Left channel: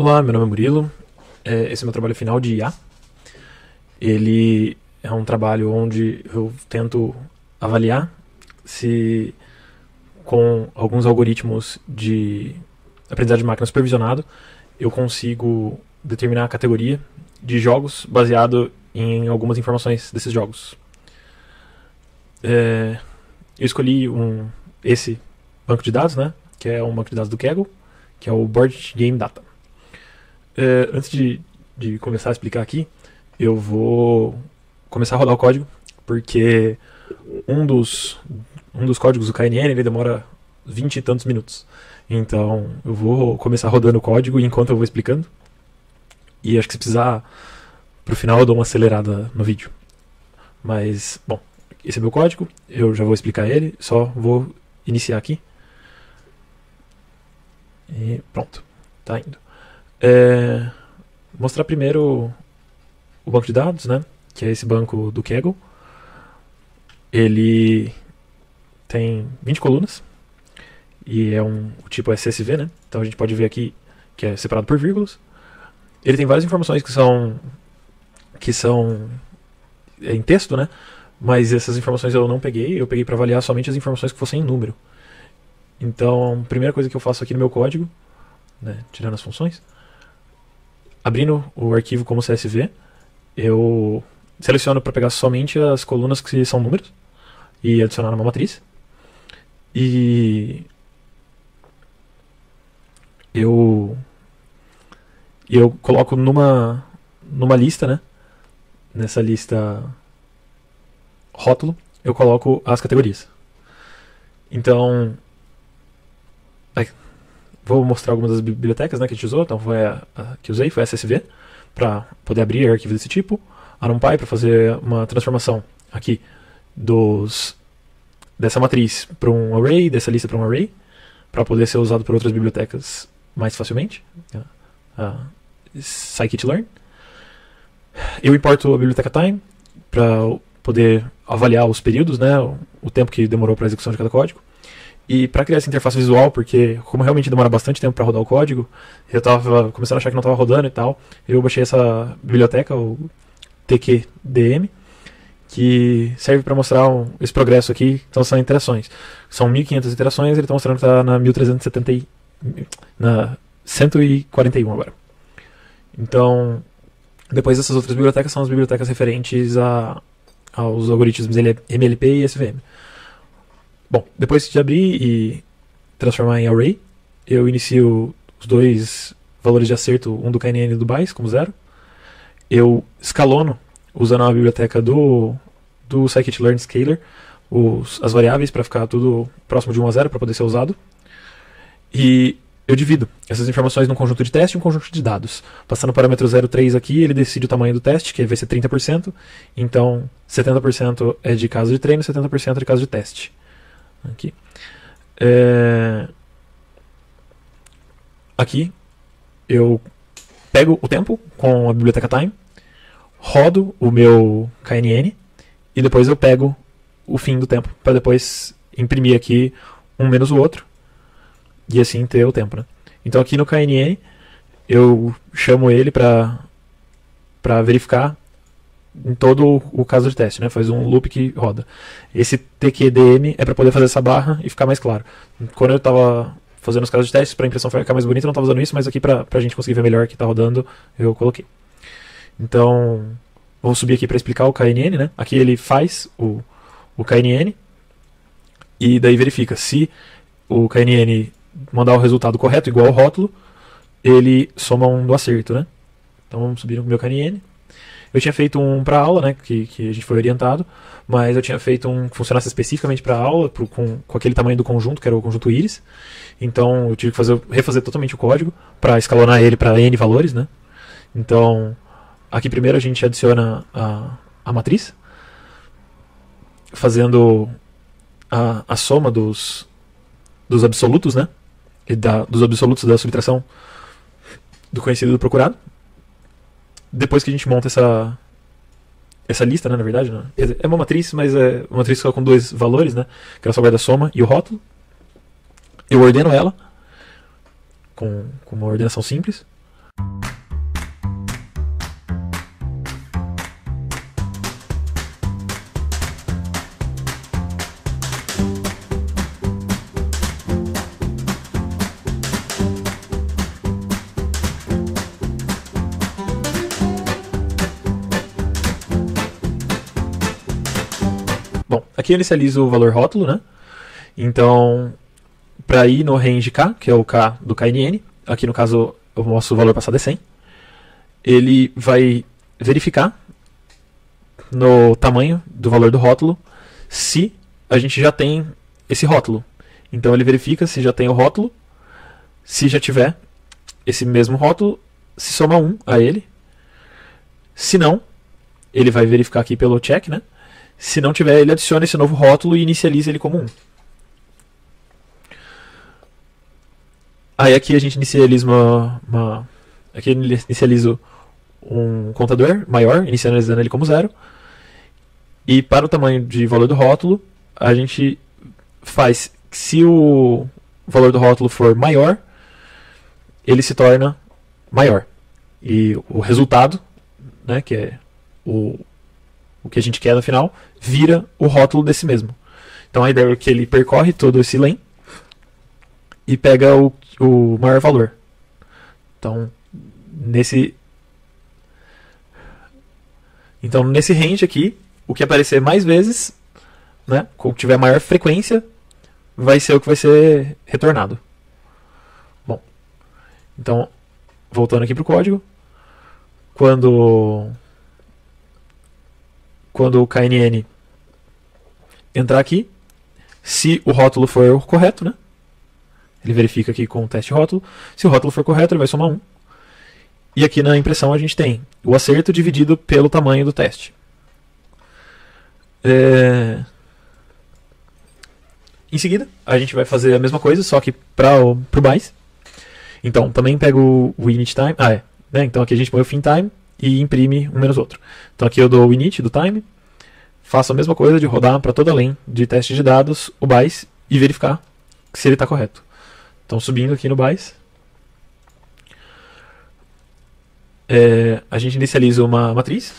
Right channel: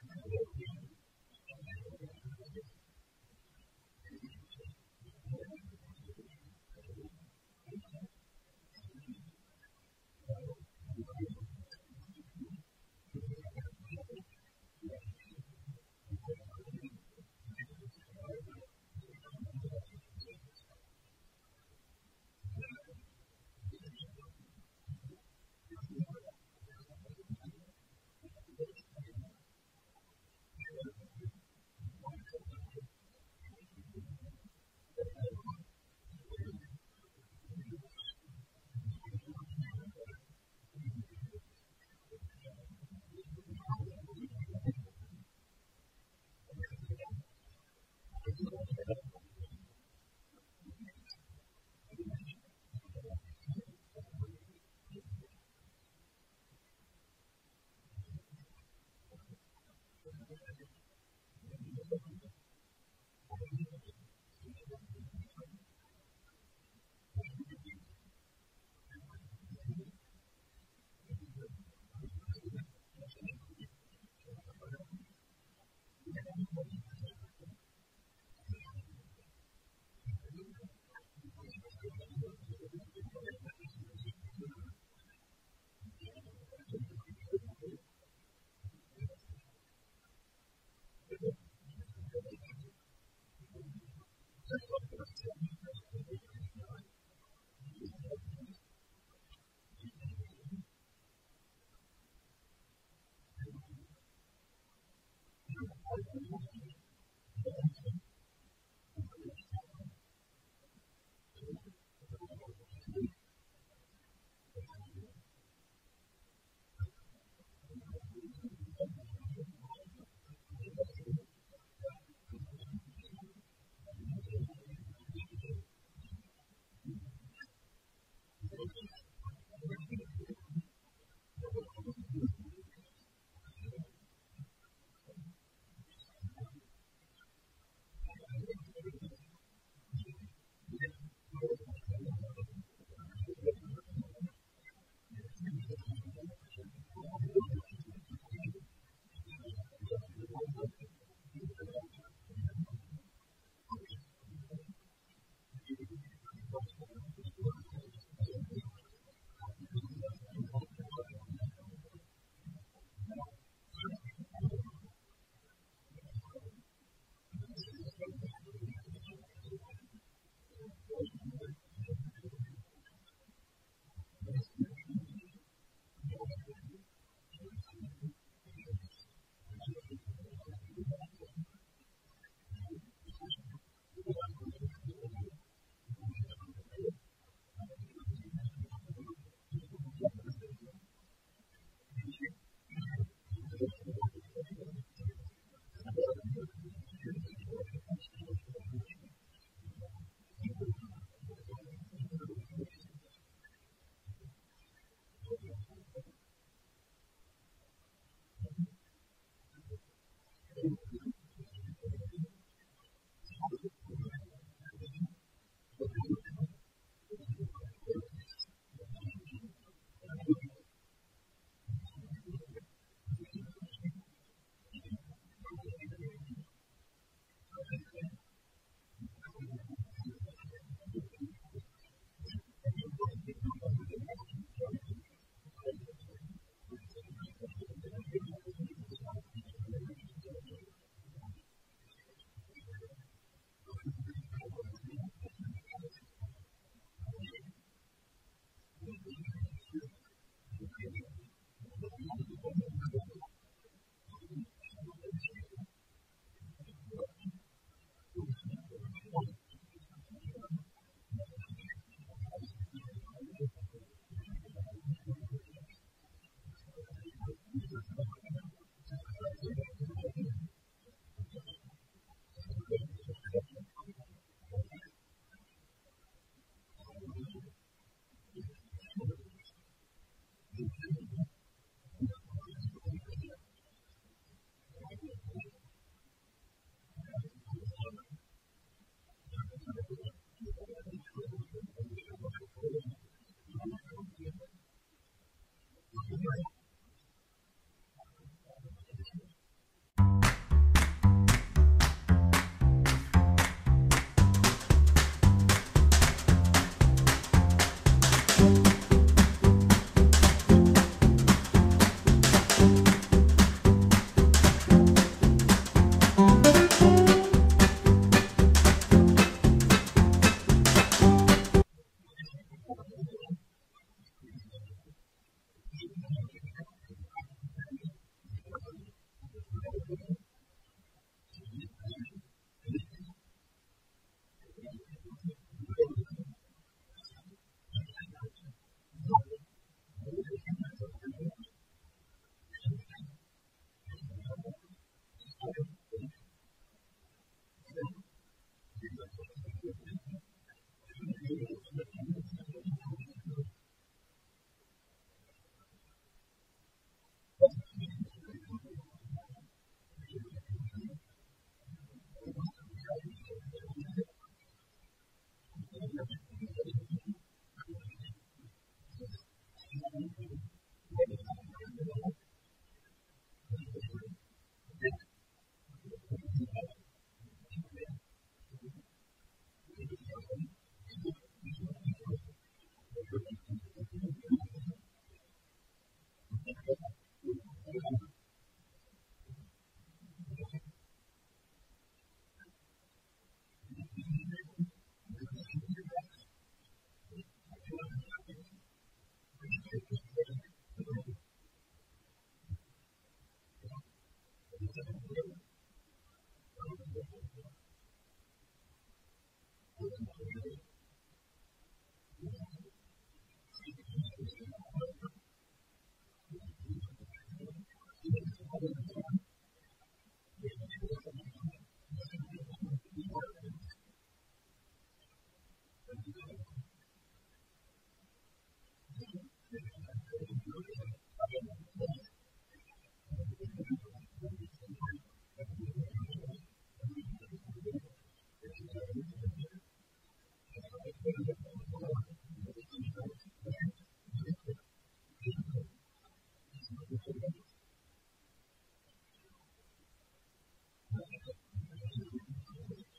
Olá, meu nome é Murilo. Esse é meu trabalho final de IA. Ele é um trabalho onde eu tento avaliar se, com alguns algoritmos de aprendizagem de máquina supervisionado, eu consigo determinar a categoria de jogos baseado em algumas informações desses jogos. Eu escolhi esse banco de dados, né, que é um banco de dados do Kaggle, que é o Board Game Data. Antes de começar a explicar aqui, eu vou começar a rodar o código, porque um dos, um dos códigos do KNN ele demora 20 e tantos minutos. Então eu vou começar rodando o código enquanto eu vou explicando. E acho que se precisar, pro final eu dou uma acelerada no vídeo. Mas, bom, esse é meu código, eu já vou explicar ele, só vou iniciar aqui. E pronto, tá indo. Mostrar primeiro o banco de dados, né? Que é esse banco do Kaggle. Ele tem 20 colunas e o tipo SSV, né? Então a gente pode ver aqui que é separado por vírgulas. Ele tem várias informações que são em texto, né? Mas essas informações eu não peguei, eu peguei para avaliar somente as informações que fossem em número. Então, a primeira coisa que eu faço aqui no meu código, né, tirando as funções, abrindo o arquivo como CSV, eu seleciono para pegar somente as colunas que são números e adicionar numa matriz. E eu, eu coloco numa lista, né? Nessa lista rótulo, eu coloco as categorias. Então, vou mostrar algumas das bibliotecas, né, que a gente usou. Então, a que usei foi a SSV, para poder abrir arquivos desse tipo. A NumPy, para fazer uma transformação aqui dessa matriz para um array, dessa lista para um array, para poder ser usado por outras bibliotecas mais facilmente. A scikit-learn. Eu importo a biblioteca time para poder avaliar os períodos, né, o tempo que demorou para a execução de cada código. E para criar essa interface visual, porque como realmente demora bastante tempo para rodar o código, eu estava começando a achar que não estava rodando e tal, eu baixei essa biblioteca, o TQDM, que serve para mostrar esse progresso aqui. Então são interações. São 1.500 interações, ele está mostrando que está na 1370, na 141 agora. Então, depois dessas outras bibliotecas são as bibliotecas referentes aos algoritmos MLP e SVM. Bom, depois de abrir e transformar em array, eu inicio os dois valores de acerto, um do KNN e do BAIS, como 0. Eu escalono, usando a biblioteca do scikit-learn scaler, as variáveis para ficar tudo próximo de 1 a 0 para poder ser usado. E eu divido essas informações num conjunto de teste e um conjunto de dados. Passando o parâmetro 0,3 aqui, ele decide o tamanho do teste, que vai ser 30%. Então, 70% é de caso de treino, 70% é de caso de teste. Aqui. Aqui eu pego o tempo com a biblioteca time, rodo o meu KNN e depois eu pego o fim do tempo para depois imprimir aqui um menos o outro e assim ter o tempo, né? Então aqui no KNN eu chamo ele para verificar em todo o caso de teste, né? Faz um loop que roda. Esse TQDM é para poder fazer essa barra e ficar mais claro. Quando eu estava fazendo os casos de testes, para a impressão ficar mais bonita, eu não estava usando isso, mas aqui para a gente conseguir ver melhor que está rodando, eu coloquei. Então, vou subir aqui para explicar o KNN, né? Aqui ele faz o KNN e daí verifica se o KNN mandar o resultado correto, igual ao rótulo, ele soma um do acerto, né? Então vamos subir no meu KNN. Eu tinha feito um para aula, né, que a gente foi orientado, mas eu tinha feito um que funcionasse especificamente para aula, com aquele tamanho do conjunto, que era o conjunto íris. Então eu tive que refazer totalmente o código para escalonar ele para N valores, né? Então, aqui primeiro a gente adiciona a matriz, fazendo a soma dos absolutos, né? Dos absolutos da subtração do conhecido e do procurado. Depois que a gente monta essa lista, né, na verdade, né? É uma matriz, mas é uma matriz só com dois valores, né? Que ela só guarda a soma e o rótulo. Eu ordeno ela com uma ordenação simples. aqui eu inicializo o valor rótulo, né? Então, para ir no range K, que é o K do KNN, aqui no caso eu mostro o valor passado é 100, ele vai verificar no tamanho do valor do rótulo se a gente já tem esse rótulo. Então ele verifica se já tem o rótulo, se já tiver esse mesmo rótulo, se soma 1 a ele. Se não, ele vai verificar aqui pelo check, né? Se não tiver, ele adiciona esse novo rótulo e inicializa ele como 1. Aí aqui a gente inicializa aqui eu inicializo um contador maior, inicializando ele como 0. E para o tamanho de valor do rótulo, a gente faz, se o valor do rótulo for maior, ele se torna maior. E o resultado, né, que é o que a gente quer no final, vira o rótulo desse mesmo. Então a ideia é que ele percorre todo esse len e pega o maior valor. Então nesse range aqui, o que aparecer mais vezes, né, ou tiver maior frequência, vai ser o que vai ser retornado. Bom, então, voltando aqui para o código, quando o KNN entrar aqui, se o rótulo for correto, né, ele verifica aqui com o teste rótulo, se o rótulo for correto, ele vai somar 1. E aqui na impressão a gente tem o acerto dividido pelo tamanho do teste. Em seguida, a gente vai fazer a mesma coisa, só que para o BICE. Então, também pego o init time. Né? Então aqui a gente põe o fin time e imprime um menos outro. Então aqui eu dou o init do time, faço a mesma coisa de rodar para toda a len de teste de dados, o BICE, e verificar se ele está correto. Então, subindo aqui no BICE, a gente inicializa uma matriz.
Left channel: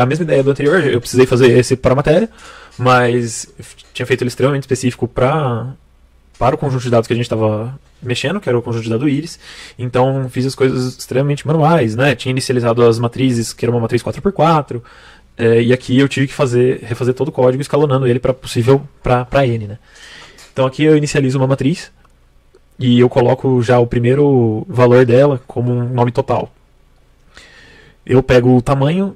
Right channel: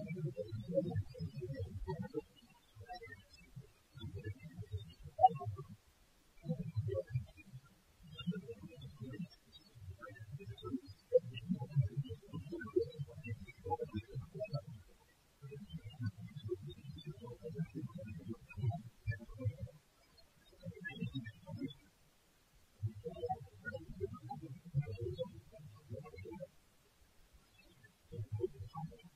A mesma ideia do anterior, eu precisei fazer esse para a matéria, mas eu tinha feito ele extremamente específico para o conjunto de dados que a gente estava mexendo, que era o conjunto de dados íris. Então fiz as coisas extremamente manuais, né? Tinha inicializado as matrizes, que era uma matriz 4x4, e aqui eu tive que refazer todo o código escalonando ele para possível para N, né? Então aqui eu inicializo uma matriz e eu coloco já o primeiro valor dela como um nome total. Eu pego o tamanho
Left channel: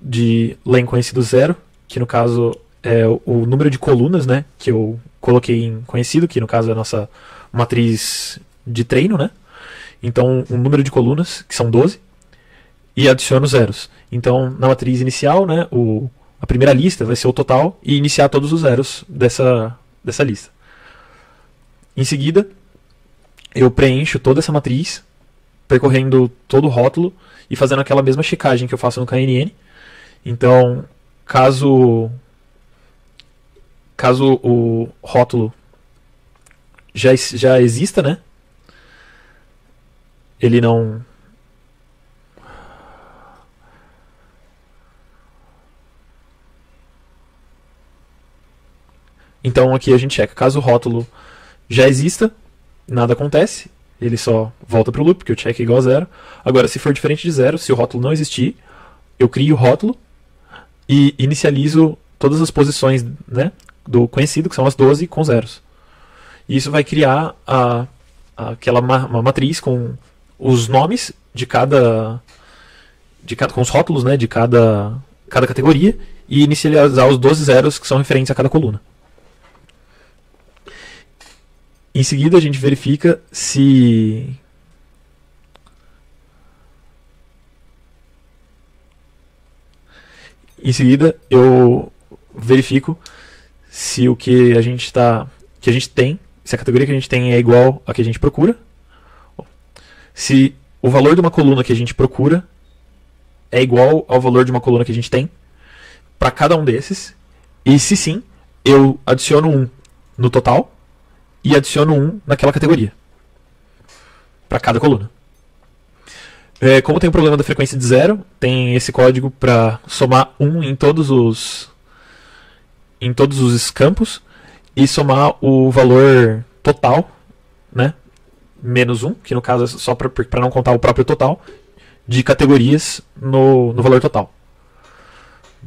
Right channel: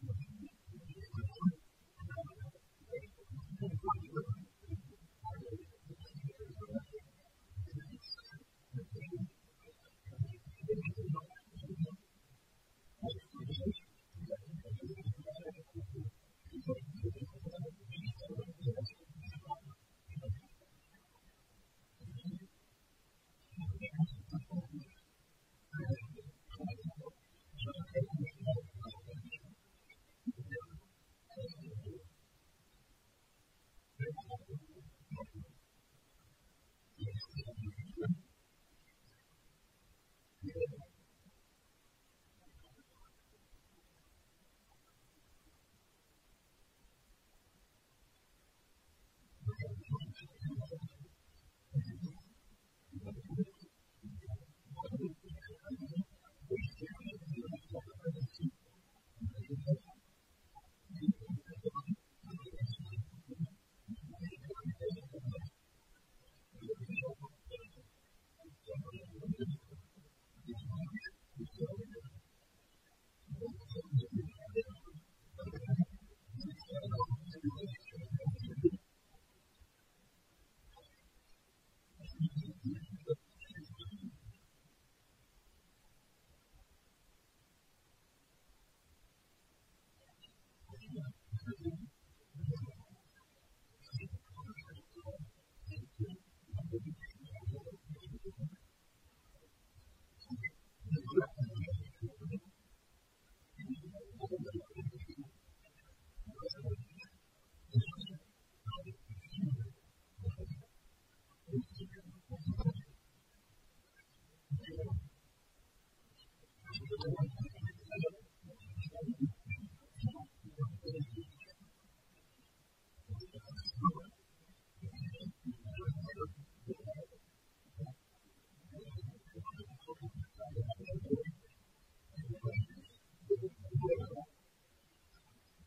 de len conhecido 0, que no caso é o número de colunas, né, que eu coloquei em conhecido, que no caso é a nossa matriz de treino, né? Então, um número de colunas, que são 12, e adiciono zeros. Então, na matriz inicial, né, a primeira lista vai ser o total e iniciar todos os zeros dessa lista. Em seguida, eu preencho toda essa matriz, percorrendo todo o rótulo e fazendo aquela mesma checagem que eu faço no KNN. Então, caso o rótulo já exista, né? Ele não... Então aqui a gente checa. Caso o rótulo já exista, nada acontece. Ele só volta para o loop, porque o check é igual a 0. Agora, se for diferente de 0, se o rótulo não existir, eu crio o rótulo e inicializo todas as posições, né, do conhecido, que são as 12, com zeros. E isso vai criar uma matriz com os nomes com os rótulos, né, de cada categoria, e inicializar os 12 zeros que são referentes a cada coluna. Em seguida, a gente verifica se... Em seguida, eu verifico se o que a gente tem, se a categoria que a gente tem é igual a que a gente procura, se o valor de uma coluna que a gente procura é igual ao valor de uma coluna que a gente tem para cada um desses, e se sim, eu adiciono 1 no total e adiciono 1 naquela categoria para cada coluna. Como tem um problema da frequência de 0, tem esse código para somar 1 em todos os campos e somar o valor total, né, menos 1, que no caso é só para não contar o próprio total, de categorias no valor total,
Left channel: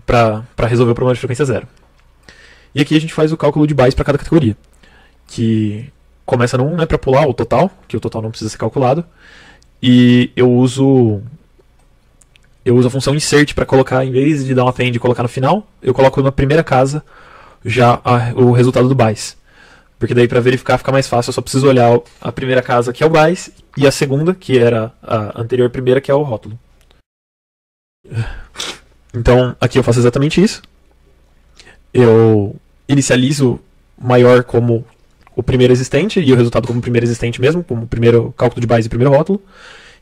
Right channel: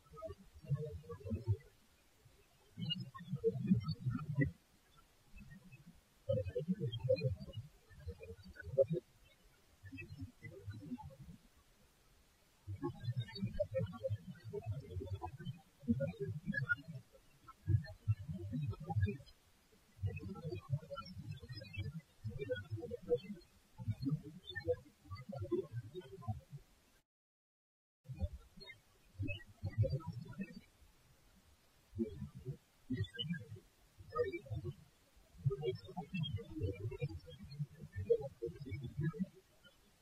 para resolver o problema de frequência 0. E aqui a gente faz o cálculo de bytes para cada categoria, que começa no 1, né, para pular o total, que o total não precisa ser calculado, e eu uso a função insert para colocar, em vez de dar um append e colocar no final, eu coloco na primeira casa já o resultado do bytes. Porque daí para verificar fica mais fácil, eu só preciso olhar a primeira casa, que é o bytes, e a segunda, que era a anterior primeira, que é o rótulo. Então aqui eu faço exatamente isso. Eu inicializo maior como o primeiro existente, e o resultado como o primeiro existente mesmo, como o primeiro cálculo de bytes e o primeiro rótulo,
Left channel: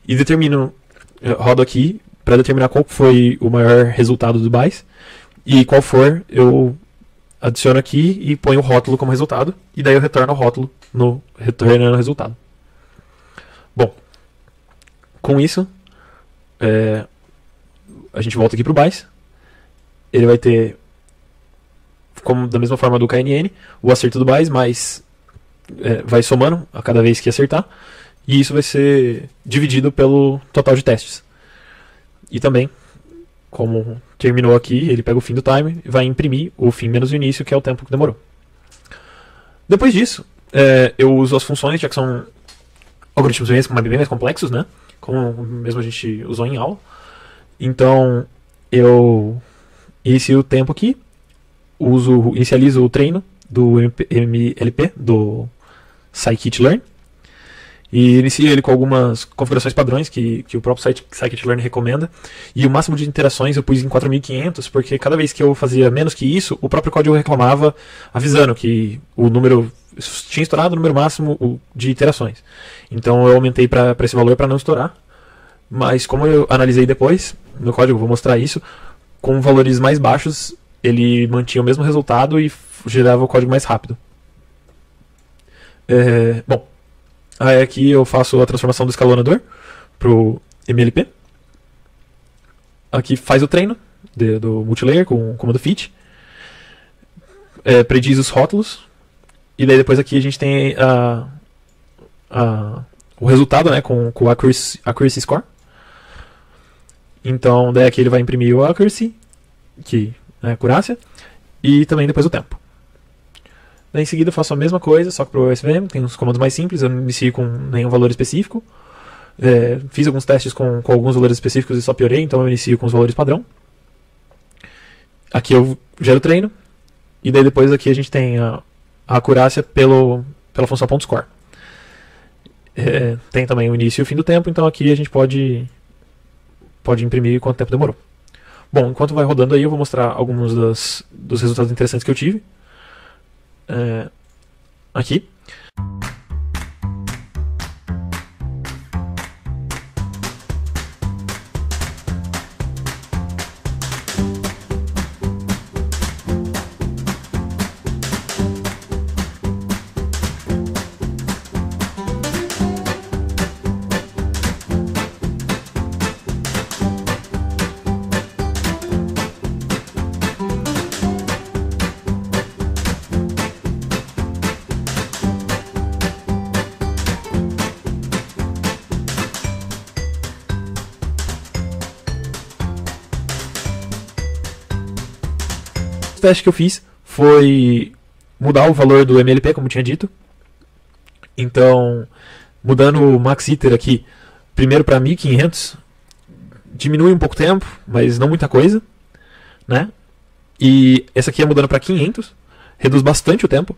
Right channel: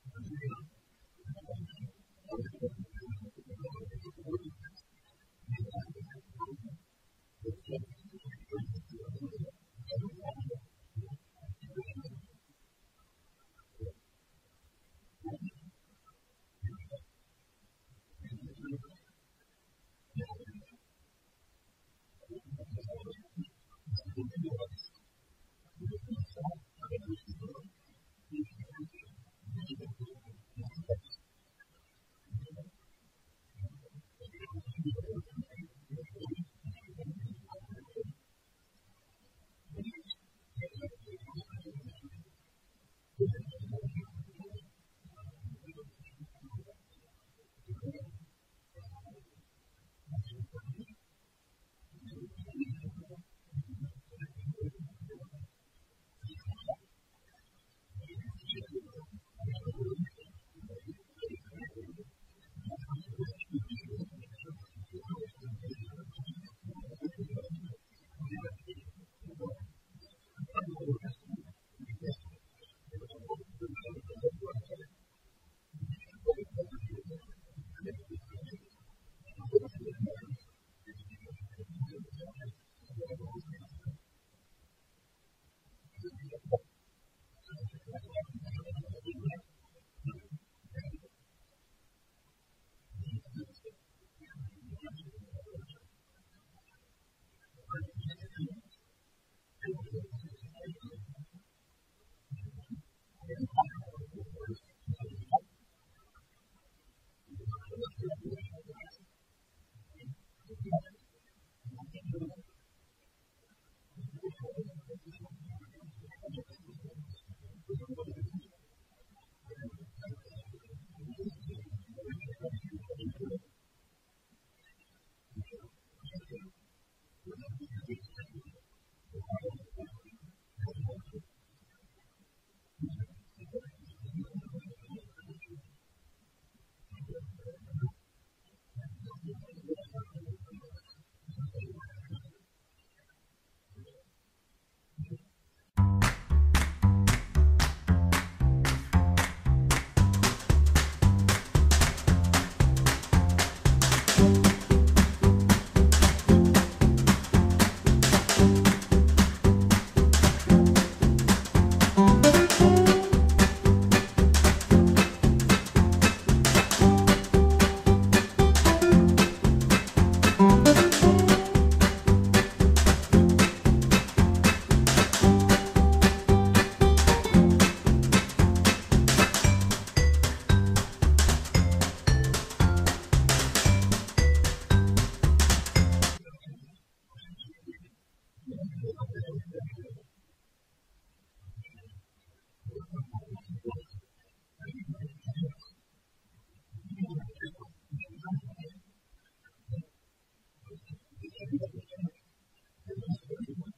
e rodo aqui para determinar qual foi o maior resultado do bytes, e qual for, eu adiciono aqui e ponho o rótulo como resultado, e daí eu retorno o rótulo retornando o resultado. Bom, com isso, a gente volta aqui para o bytes. Ele vai ter, como da mesma forma do KNN, o acerto do bytes, mas vai somando a cada vez que acertar, e isso vai ser dividido pelo total de testes. E também, como terminou aqui, ele pega o fim do time e vai imprimir o fim menos o início, que é o tempo que demorou. Depois disso, eu uso as funções, já que são algoritmos bem mais complexos, né? Como mesmo a gente usou em aula. Então, eu inicio o tempo aqui, inicializo o treino do MLP, do scikit-learn, e inicio ele com algumas configurações padrões que o próprio scikit-learn recomenda. E o máximo de interações eu pus em 4.500, porque cada vez que eu fazia menos que isso, o próprio código reclamava, avisando que o número tinha estourado o número máximo de interações. Então eu aumentei para esse valor para não estourar. Mas como eu analisei depois, no código eu vou mostrar isso, com valores mais baixos ele mantinha o mesmo resultado e gerava o código mais rápido. Bom, aí aqui eu faço a transformação do escalonador para o MLP. Aqui faz o treino do multilayer com o comando fit. Prediz os rótulos. E daí depois aqui a gente tem o resultado, né, com o accuracy score. Então daí aqui ele vai imprimir o accuracy, que é a acurácia, e também depois o tempo. Daí em seguida eu faço a mesma coisa, só que para o SVM, tem uns comandos mais simples, eu não inicio com nenhum valor específico. Fiz alguns testes com alguns valores específicos e só piorei, então eu inicio com os valores padrão. Aqui eu gero o treino, e daí depois aqui a gente tem a acurácia pela função .score. Tem também o início e o fim do tempo, então aqui a gente pode imprimir quanto tempo demorou. Bom, enquanto vai rodando aí, eu vou mostrar alguns dos resultados interessantes que eu tive. Aqui. O teste que eu fiz foi mudar o valor do MLP, como tinha dito. Então, mudando o max iter aqui, primeiro para 1500, diminui um pouco o tempo, mas não muita coisa, né? E essa aqui é mudando para 500, reduz bastante o tempo.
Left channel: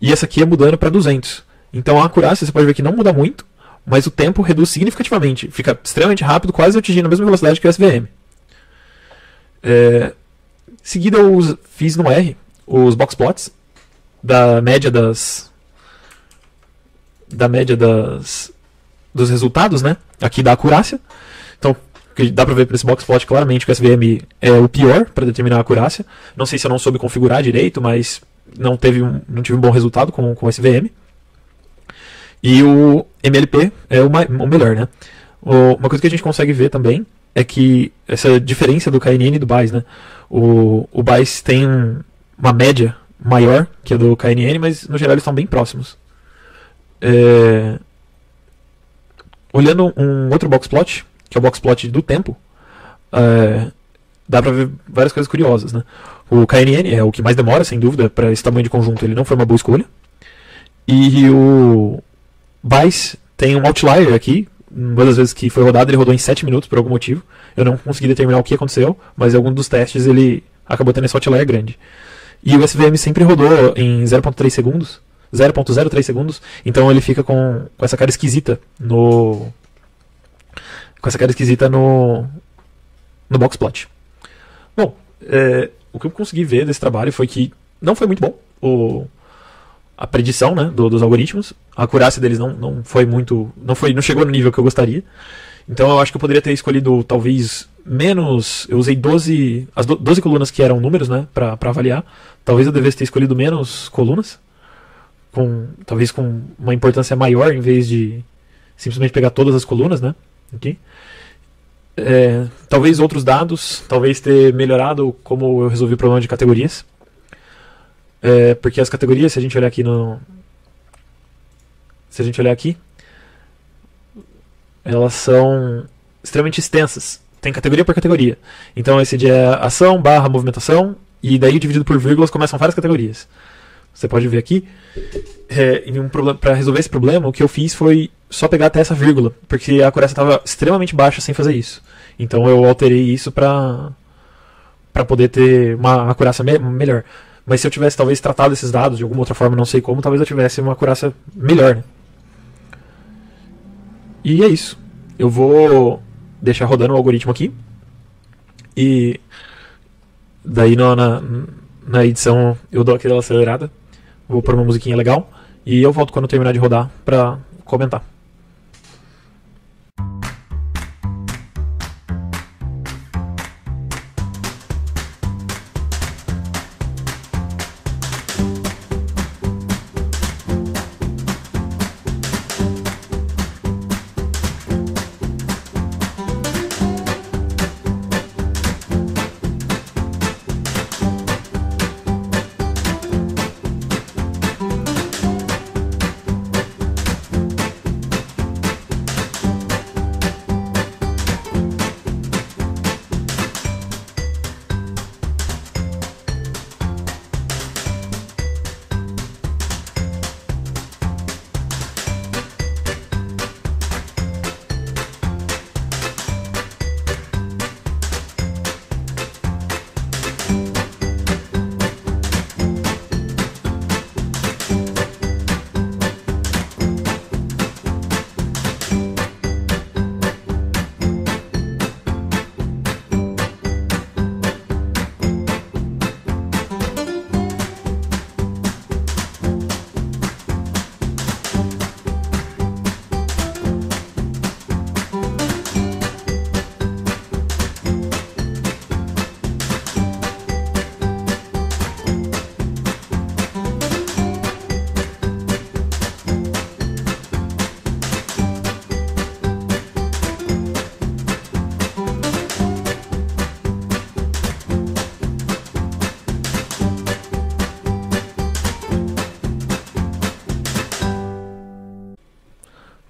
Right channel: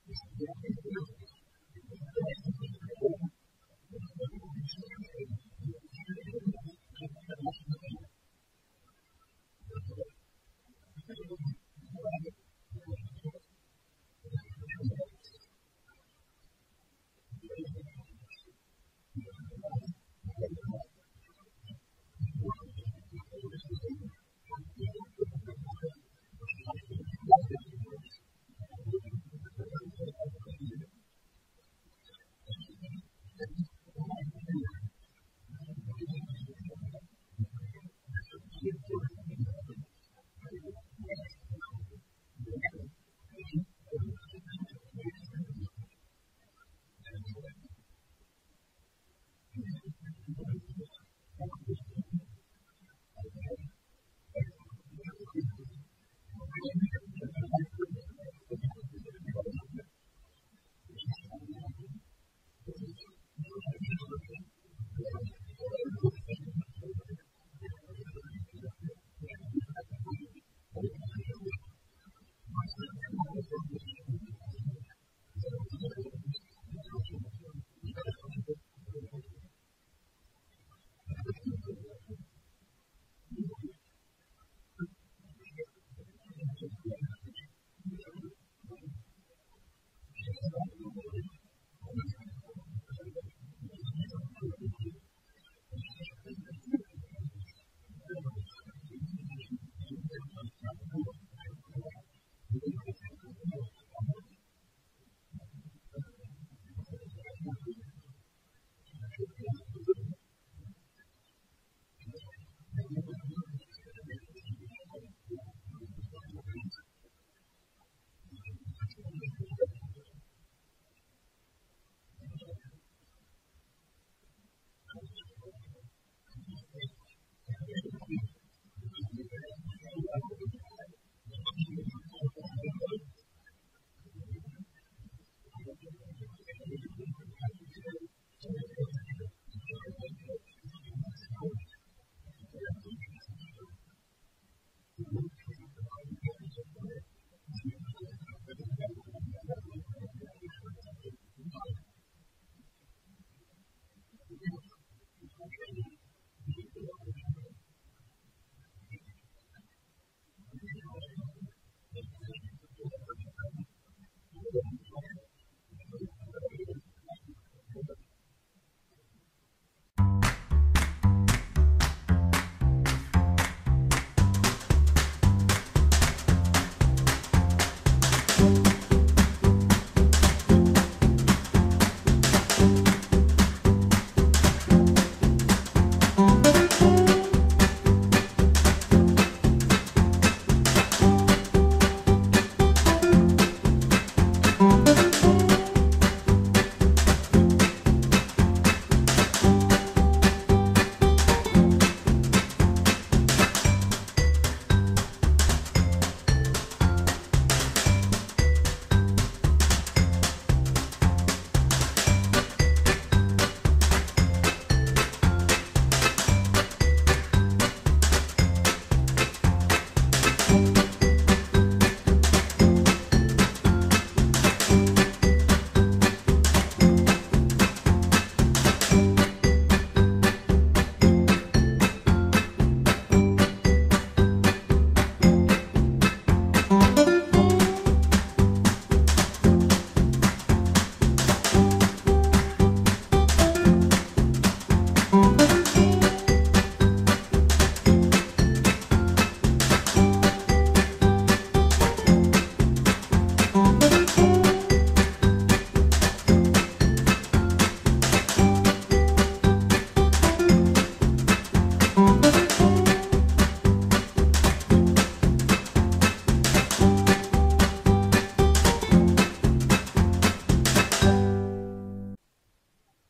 E essa aqui é mudando para 200. Então a acurácia você pode ver que não muda muito, mas o tempo reduz significativamente. Fica extremamente rápido, quase atingindo a mesma velocidade que o SVM. Em seguida eu fiz no R os boxplots da média dos resultados, né? Aqui da acurácia. Então dá pra ver por esse boxplot claramente que o SVM é o pior para determinar a acurácia. Não sei se eu não soube configurar direito, mas não tive um bom resultado com o SVM. E o MLP é o melhor, né? Uma coisa que a gente consegue ver também é que essa diferença do KNN e do BAIS, né? O BAIS tem uma média maior que a do KNN, mas no geral eles estão bem próximos. Olhando um outro boxplot, que é o boxplot do tempo, dá pra ver várias coisas curiosas, né? O KNN é o que mais demora, sem dúvida, para esse tamanho de conjunto, ele não foi uma boa escolha. E o Bice tem um outlier aqui. Uma das vezes que foi rodado, ele rodou em 7 minutos por algum motivo. Eu não consegui determinar o que aconteceu, mas em algum dos testes ele acabou tendo esse outlier grande. E o SVM sempre rodou em 0.3 segundos, 0.03 segundos, então ele fica com essa cara esquisita no boxplot. Bom, o que eu consegui ver desse trabalho foi que não foi muito bom a predição, né, dos algoritmos. A acurácia deles não foi muito, não chegou no nível que eu gostaria. Então eu acho que eu poderia ter escolhido talvez menos. Eu usei 12 colunas que eram números, né, para avaliar. Talvez eu devesse ter escolhido menos colunas, talvez com uma importância maior, em vez de simplesmente pegar todas as colunas, né? Aqui. Talvez outros dados, talvez ter melhorado como eu resolvi o problema de categorias. Porque as categorias, se a gente olhar aqui, elas são extremamente extensas. Tem categoria por categoria. Então esse de ação barra movimentação, e daí dividido por vírgulas começam várias categorias. Você pode ver aqui. Para resolver esse problema, o que eu fiz foi só pegar até essa vírgula, porque a acurácia estava extremamente baixa sem fazer isso. Então eu alterei isso para poder ter uma acurácia melhor. Mas se eu tivesse talvez tratado esses dados de alguma outra forma, não sei como, talvez eu tivesse uma acurácia melhor, né? E é isso. Eu vou deixar rodando o algoritmo aqui. E daí na edição eu dou aquela acelerada. Vou pôr uma musiquinha legal. E eu volto quando eu terminar de rodar pra comentar.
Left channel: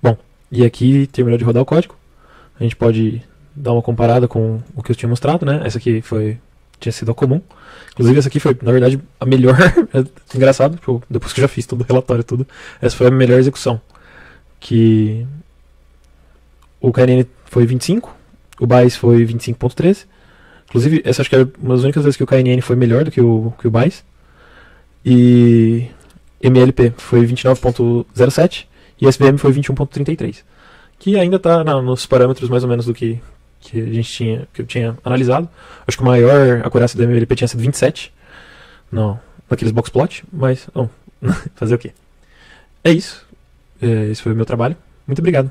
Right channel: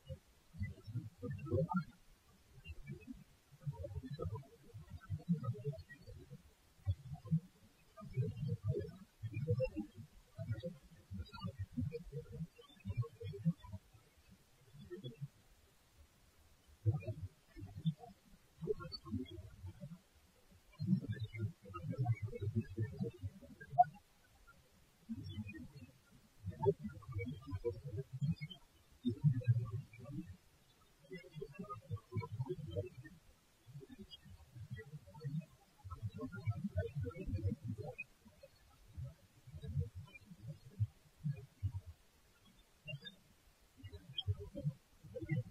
Bom, e aqui terminou de rodar o código. A gente pode dar uma comparada com o que eu tinha mostrado, né? Essa aqui tinha sido a comum. Inclusive essa aqui foi, na verdade, a melhor. É engraçado, porque depois que eu já fiz todo o relatório e tudo, essa foi a melhor execução. Que o KNN foi 25, o BAIS foi 25.13. Inclusive, essa acho que é uma das únicas vezes que o KNN foi melhor do que o BAIS. E MLP foi 29.07 e SVM foi 21.33. Que ainda está nos parâmetros mais ou menos do que eu tinha analisado. Acho que a maior acurácia do MLP tinha sido 27 naqueles boxplot, mas fazer o quê? É isso. Esse foi o meu trabalho. Muito obrigado.